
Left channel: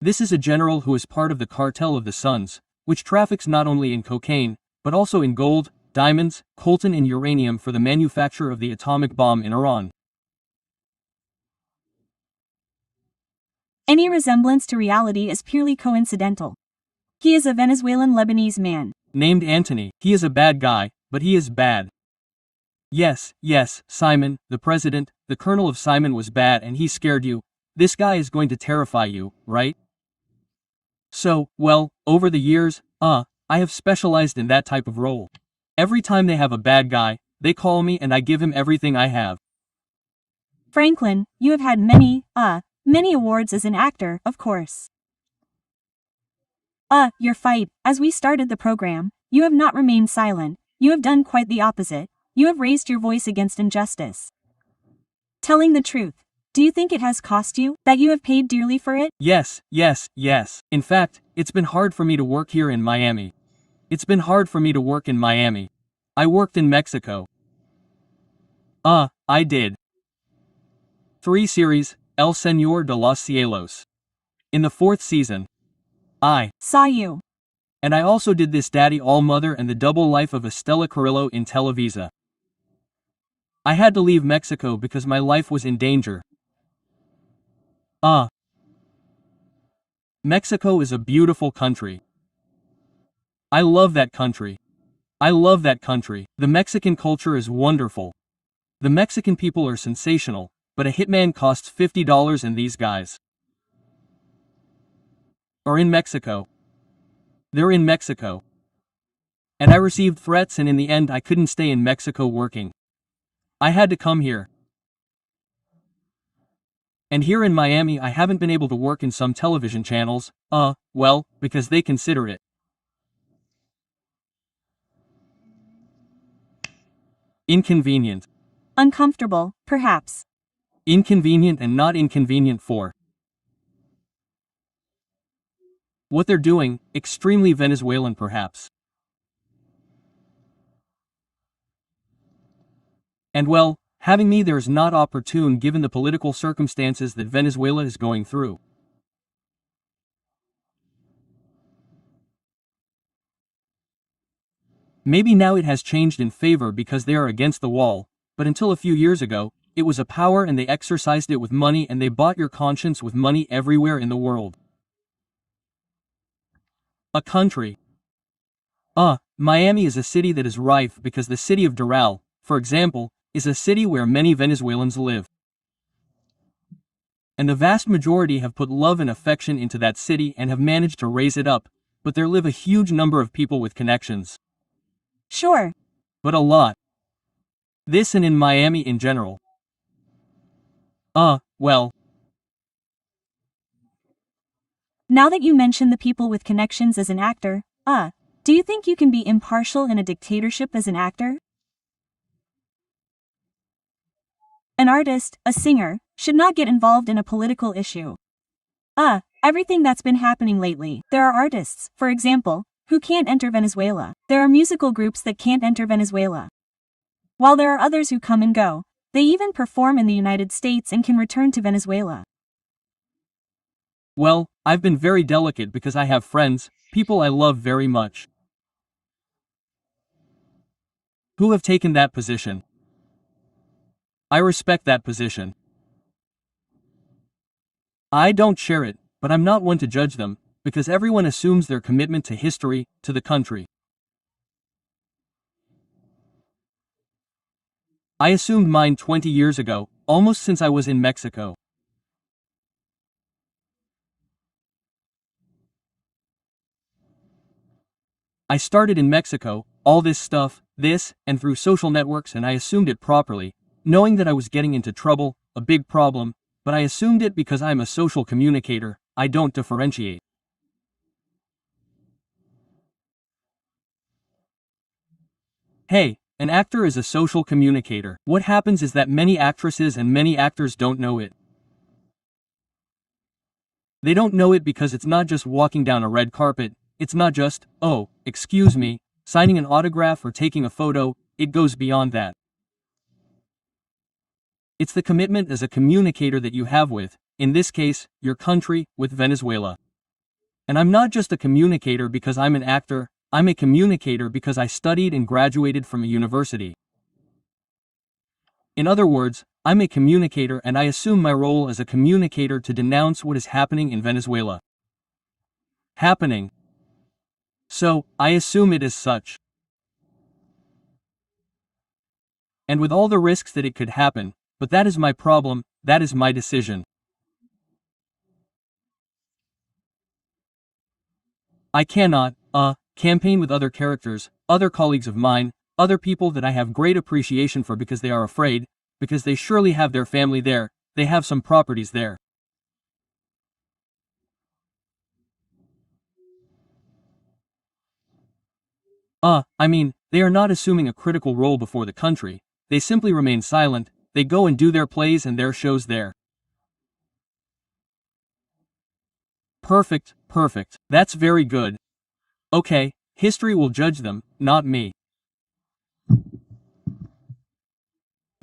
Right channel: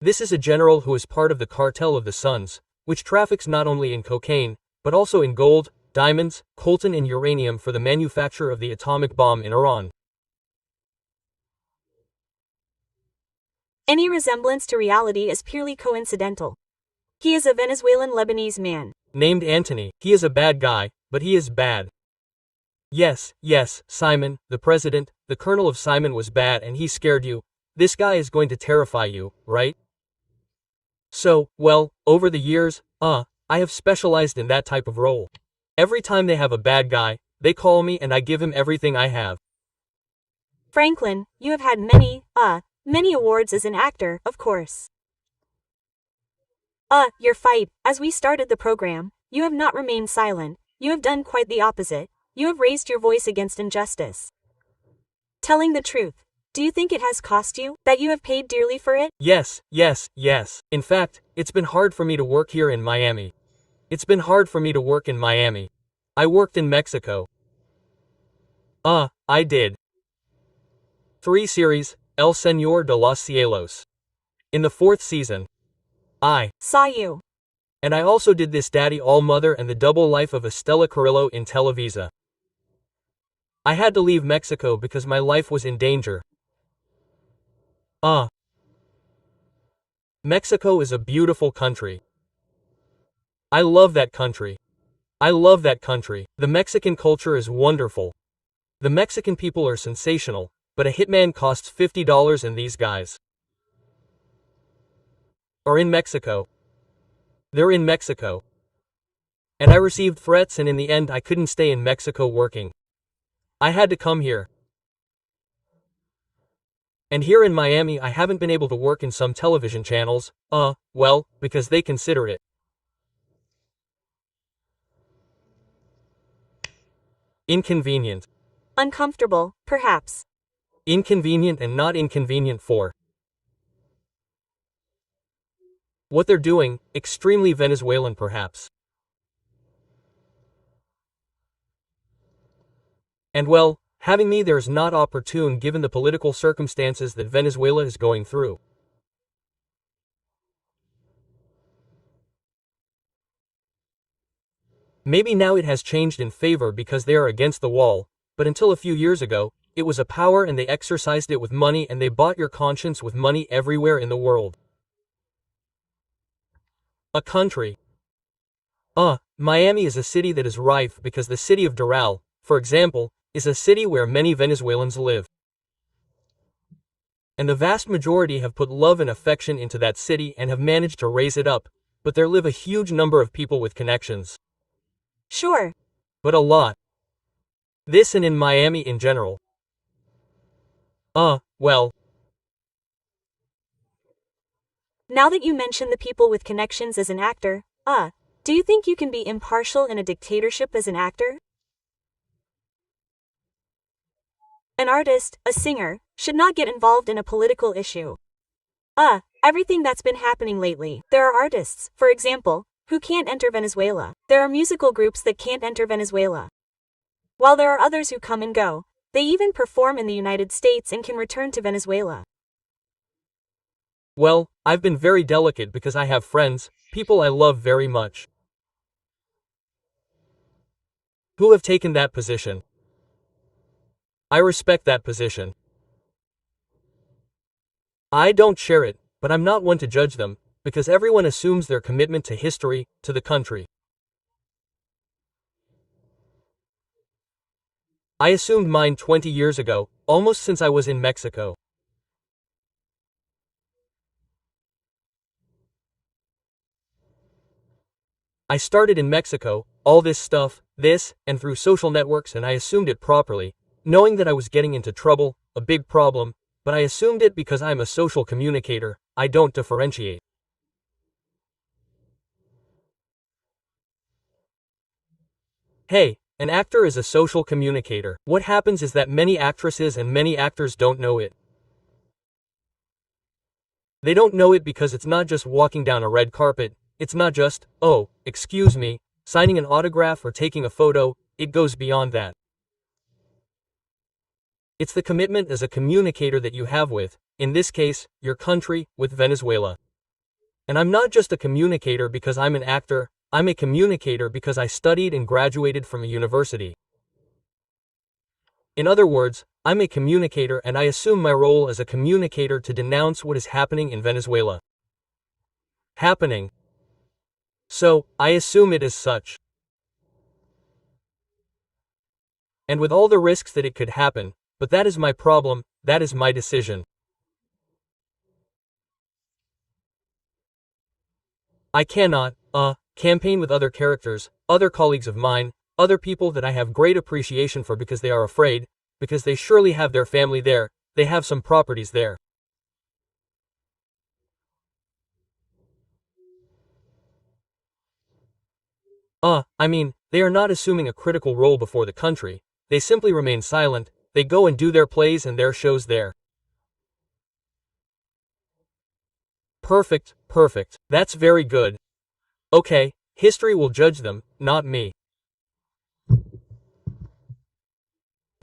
This is a general who is part of the cartel of the Suns, which traffics not only in cocaine, but also in gold, diamonds, coltan and uranium for the manufacture of the atomic bomb in Iran. Any resemblance to reality is purely coincidental. He is a Venezuelan Lebanese man. Named Anthony. He is a bad guy, but he is bad. Yes, Simon, the president, the colonel of Simon was bad and he scared you. This guy is going to terrify you, right? So, well, over the years, I have specialized in that type of role. Every time they have a bad guy, they call me and I give him everything I have. Franklin, you have had many awards as an actor, of course. Your fight, as we started the program, you have not remained silent, you have done quite the opposite, you have raised your voice against injustice. Telling the truth, do you think it has cost you, that you have paid dearly for it? Yes. In fact, it's been hard for me to work here in Miami. It's been hard for me to work in Miami. I worked in Mexico. I did 3 series, El Señor de los Cielos. In the 4th season, I saw you. And I also did This Daddy All Mother and The Double Life of Estela Carrillo in Televisa. I had to leave Mexico because my life was in danger. Mexico is a beautiful country. I love that country. The Mexican culture is wonderful. The Mexican people are sensational, but a hitman costs $50 and these guys are in Mexico. They're in Mexico. And I received threats and in the end I couldn't stay in Mexico working. I had to come here. And here in Miami I haven't been able to work in some television channels, well, because they consider it inconvenient. Uncomfortable, perhaps. Inconvenient and not inconvenient for what they're doing, extremely Venezuelan perhaps. And well, having me there is not opportune given the political circumstances that Venezuela is going through. Maybe now it has changed in favor because they are against the wall, but until a few years ago, it was a power and they exercised it with money and they bought your conscience with money everywhere in the world. A country. Miami is a city that is rife because the city of Doral, for example, is a city where many Venezuelans live. And the vast majority have put love and affection into that city and have managed to raise it up, but there live a huge number of people with connections. Sure. But a lot. This and in Miami in general. Well. Now that you mention the people with connections as an actor, do you think you can be impartial in a dictatorship as an actor? An artist, a singer, should not get involved in a political issue. Everything that's been happening lately. There are artists, for example, who can't enter Venezuela. There are musical groups that can't enter Venezuela. While there are others who come and go, they even perform in the United States and can return to Venezuela. Well, I've been very delicate because I have friends, people I love very much, who have taken that position. I respect that position. I don't share it, but I'm not one to judge them, because everyone assumes their commitment to history, to the country. I assumed mine 20 years ago, almost since I was in Mexico. I started in Mexico, all this stuff, and through social networks and I assumed it properly, knowing that I was getting into trouble, a big problem, but I assumed it because I'm a social communicator, I don't differentiate. Hey, an actor is a social communicator. What happens is that many actresses and many actors don't know it. They don't know it because it's not just walking down a red carpet, it's not just, oh, excuse me, signing an autograph or taking a photo, it goes beyond that. It's the commitment as a communicator that you have with, in this case, your country, with Venezuela. And I'm not just a communicator because I'm an actor, I'm a communicator because I studied and graduated from a university. In other words, I'm a communicator and I assume my role as a communicator to denounce what is happening in Venezuela. Happening. So, I assume it is such. And with all the risks that it could happen, but that is my problem, that is my decision. I cannot, campaign with other characters, other colleagues of mine, other people that I have great appreciation for because they are afraid, because they surely have their family there, they have some properties there. I mean, they are not assuming a critical role before the country, they simply remain silent, they go and do their plays and their shows there. Perfect, perfect, that's very good. Okay, history will judge them, not me.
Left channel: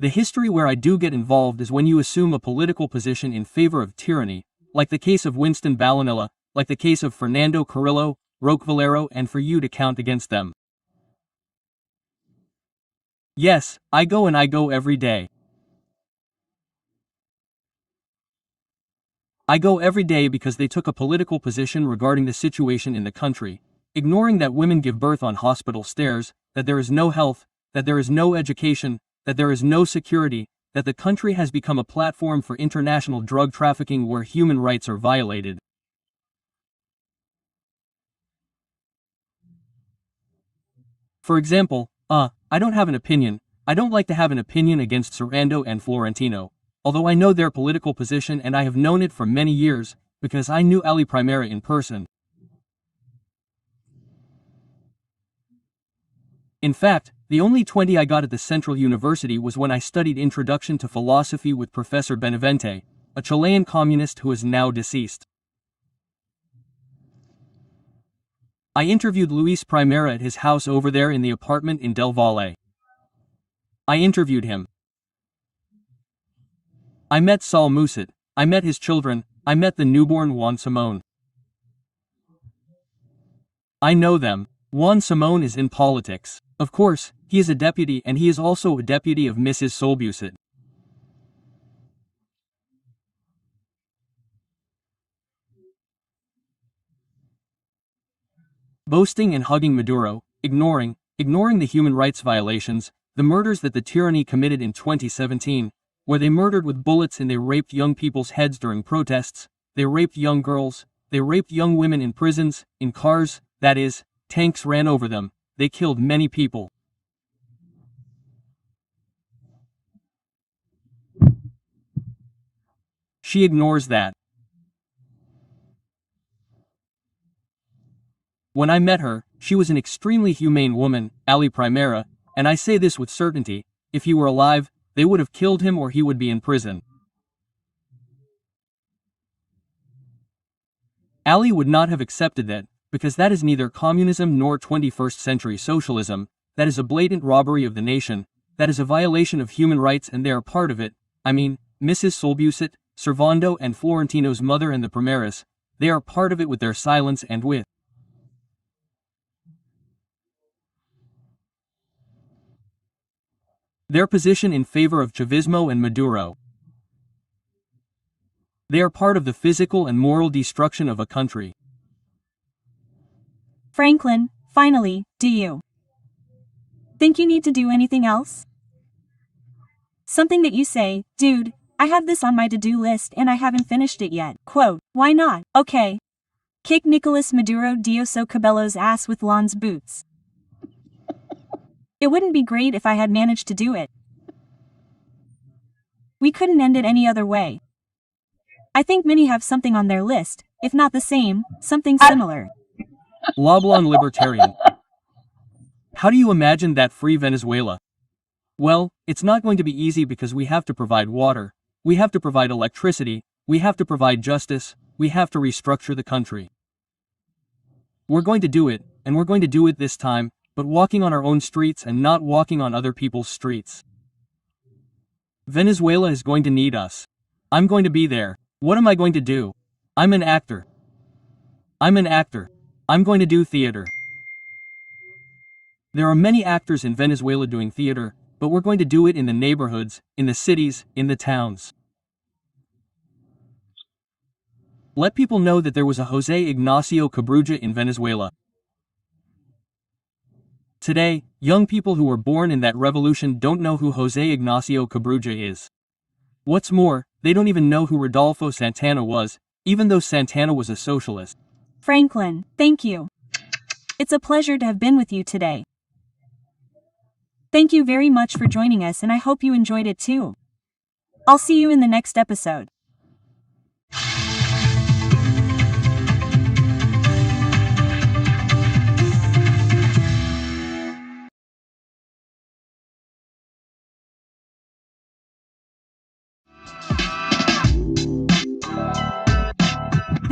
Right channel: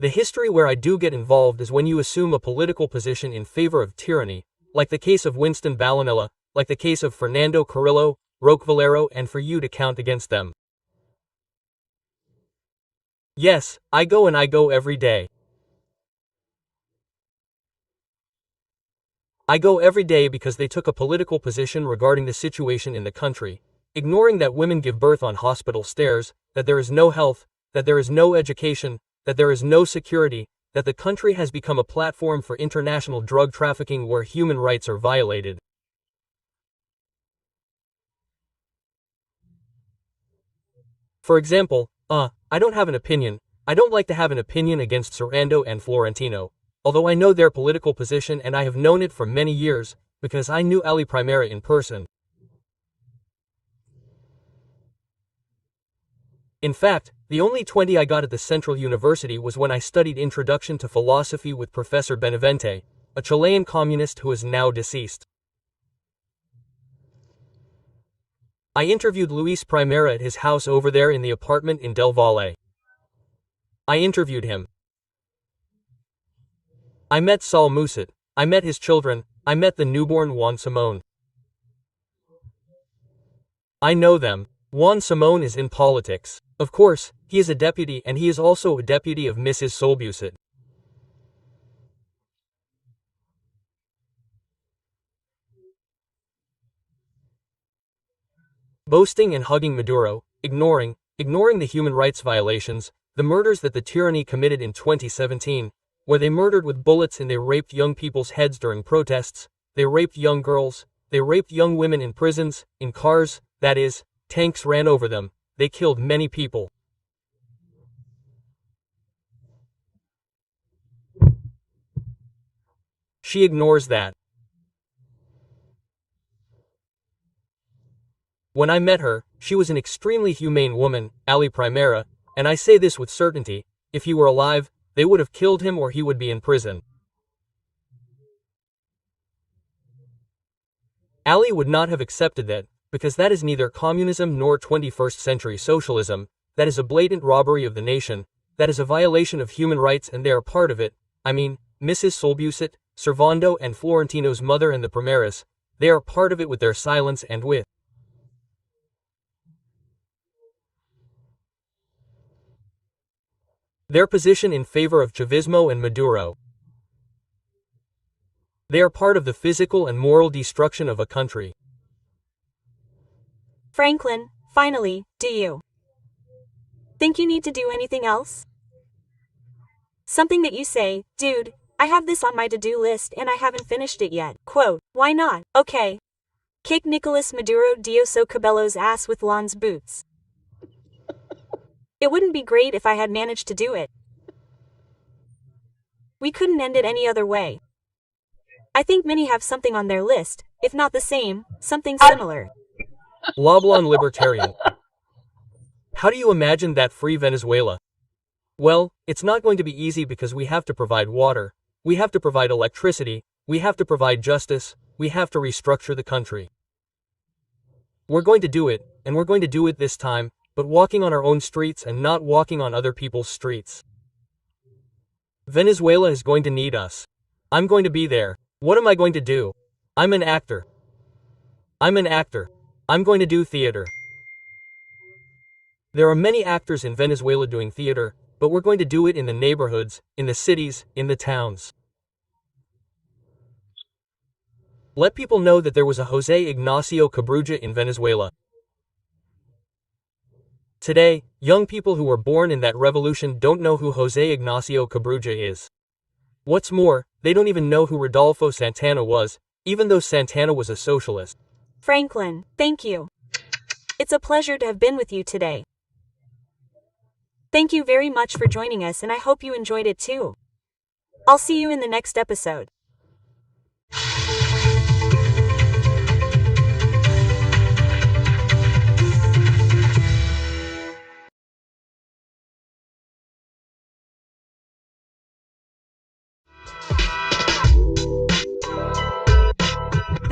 The history where I do get involved is when you assume a political position in favor of tyranny, like the case of Winston Ballanella, like the case of Fernando Carrillo, Roque Valero, and for you to count against them. Yes, I go and I go every day. I go every day because they took a political position regarding the situation in the country, ignoring that women give birth on hospital stairs, that there is no health, that there is no education, that there is no security, that the country has become a platform for international drug trafficking where human rights are violated. For example, I don't have an opinion. I don't like to have an opinion against Sarando and Florentino, although I know their political position and I have known it for many years, because I knew Ali Primera in person. In fact, the only 20 I got at the Central University was when I studied Introduction to Philosophy with Professor Benavente, a Chilean communist who is now deceased. I interviewed Luis Primera at his house over there in the apartment in Del Valle. I interviewed him. I met Saul Musit, I met his children, I met the newborn Juan Simón. I know them. Juan Simón is in politics. Of course, he is a deputy and he is also a deputy of Mrs. Solbusit. Boasting and hugging Maduro, ignoring the human rights violations, the murders that the tyranny committed in 2017, where they murdered with bullets and they raped young people's heads during protests, they raped young girls, they raped young women in prisons, in cars, that is, tanks ran over them, they killed many people. She ignores that. When I met her, she was an extremely humane woman, Ali Primera, and I say this with certainty, if he were alive, they would have killed him or he would be in prison. Ali would not have accepted that, because that is neither communism nor 21st century socialism, that is a blatant robbery of the nation, that is a violation of human rights and they are part of it, I mean, Mrs. Solbusit, Servando and Florentino's mother and the Primeras, they are part of it with their silence and with their position in favor of Chavismo and Maduro. They are part of the physical and moral destruction of a country. Franklin, finally, do you think you need to do anything else? Something that you say, dude, I have this on my to-do list and I haven't finished it yet. Quote, why not? Okay. Kick Nicolas Maduro Dioso Cabello's ass with Lon's boots. It wouldn't be great if I had managed to do it. We couldn't end it any other way. I think many have something on their list, if not the same, something similar. Loblon libertarian. How do you imagine that free Venezuela? Well, it's not going to be easy because we have to provide water, we have to provide electricity, we have to provide justice, we have to restructure the country. We're going to do it, and we're going to do it this time, but walking on our own streets and not walking on other people's streets. Venezuela is going to need us. I'm going to be there. What am I going to do? I'm an actor. I'm going to do theater. There are many actors in Venezuela doing theater, but we're going to do it in the neighborhoods, in the cities, in the towns. Let people know that there was a Jose Ignacio Cabruja in Venezuela. Today, young people who were born in that revolution don't know who José Ignacio Cabruja is. What's more, they don't even know who Rodolfo Santana was, even though Santana was a socialist. Franklin, thank you. It's a pleasure to have been with you today. Thank you very much for joining us, and I hope you enjoyed it too. I'll see you in the next episode.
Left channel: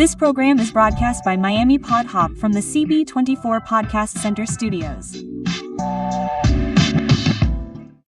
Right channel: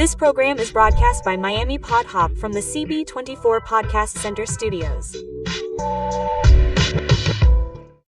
This program is broadcast by Miami Pod Hop from the CB24 Podcast Center Studios.